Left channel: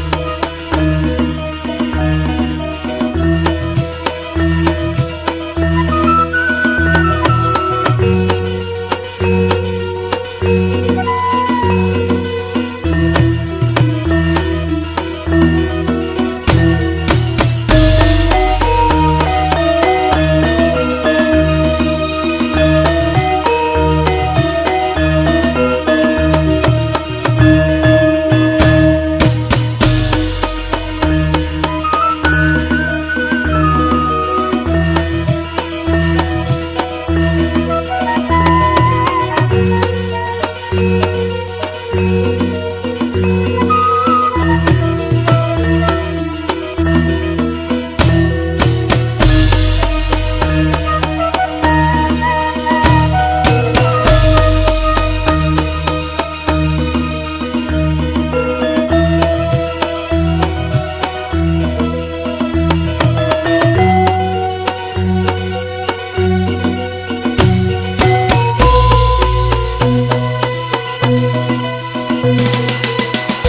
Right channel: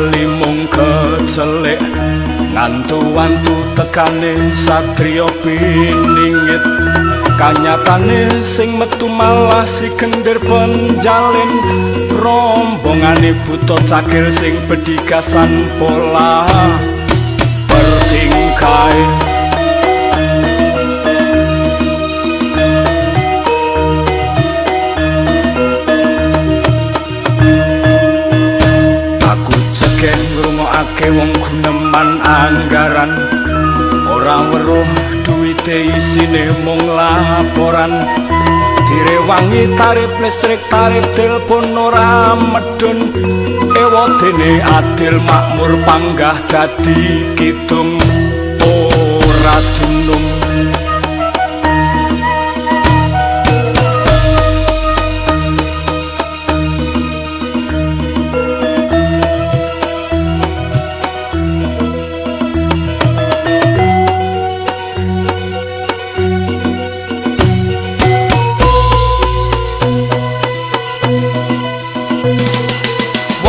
bali mung kecelek ngantu-wantu tekane satriya piningit kanyatane sing metu malah si kendir penjalin rombongane buta cakil sing bedigasan pola bertingkai aku cekek ngrungokake wong guneman anggaran ora weruh duwite isine mung laporan direwangi tarif listrik tarif telepon ora medun ewa dene adil makmur panggah dadi kidung ora dunung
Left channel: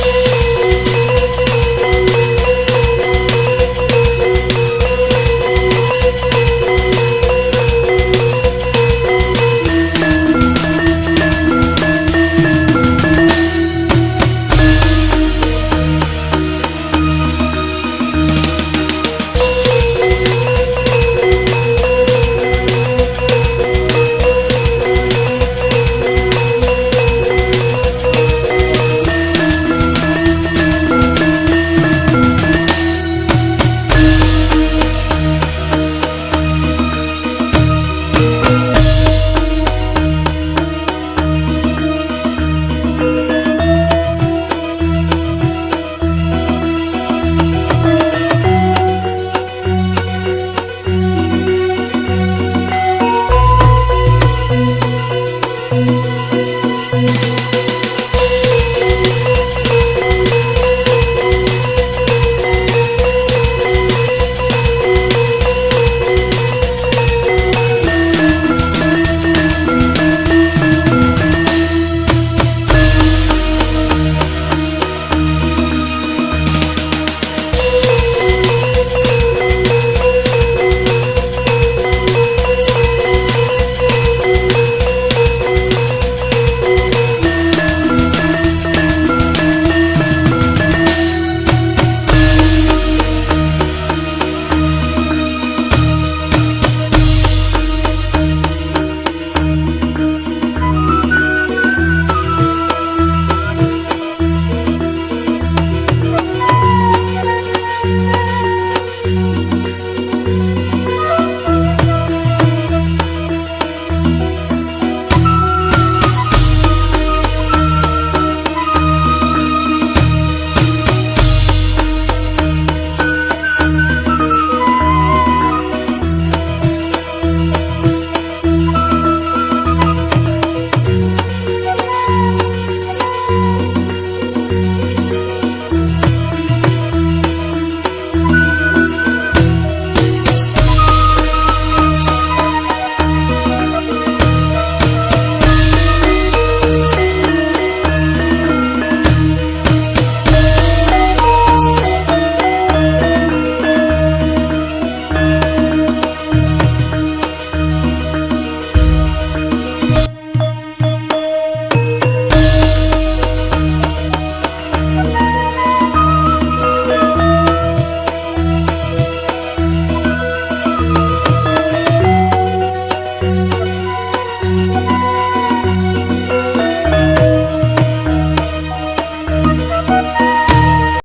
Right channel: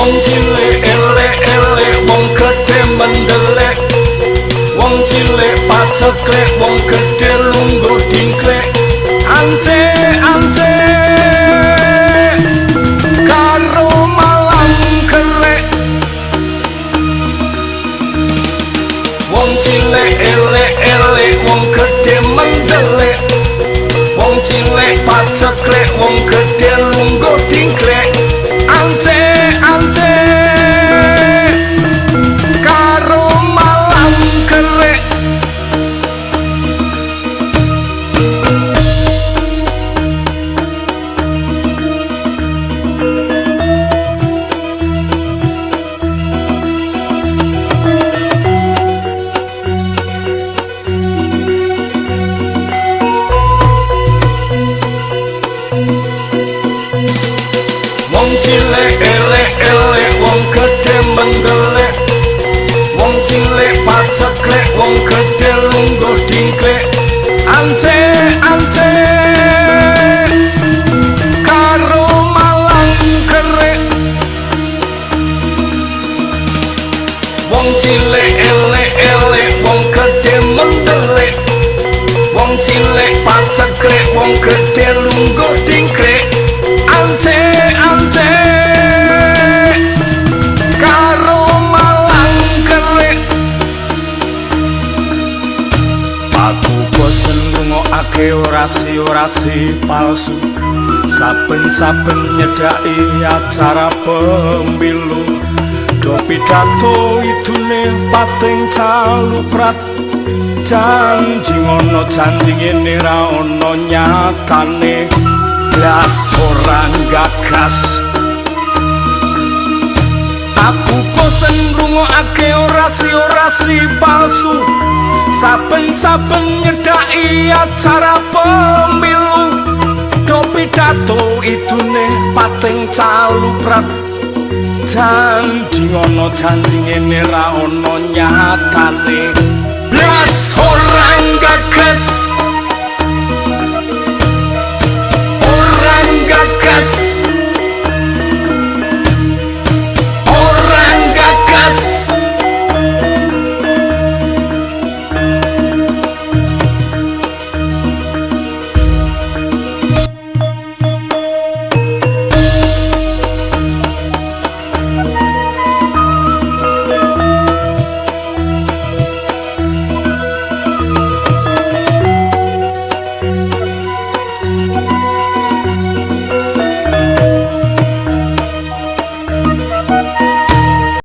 wong cilik elek-elek wong gedhe mendelek wong cilik paceklek wong gedhe lungguh dingklek ance karo malang kerek wong cilik elek-elek wong gedhe mendelek wong cilik paceklek wong gedhe lungguh dingklek wong cilik elek-elek wong gedhe mendelek wong cilik paceklek wong gedhe lungguh dingklek ance karo malang kerek wong cilik elek-elek wong gedhe mendelek wong cilik paceklek wong gedhe lungguh dingklek orasi palsu saben-saben nyedaki acara pemilu do pidato idune pating caluprat janji ngono janji ngene ra ono nyatane blas orang gagas aku bosen ngrungokake orasi palsu saben-saben nyedaki acara pemilu do pidato idune pating caluprat janji ngono janji ngene ra ono nyatane blas orang gagas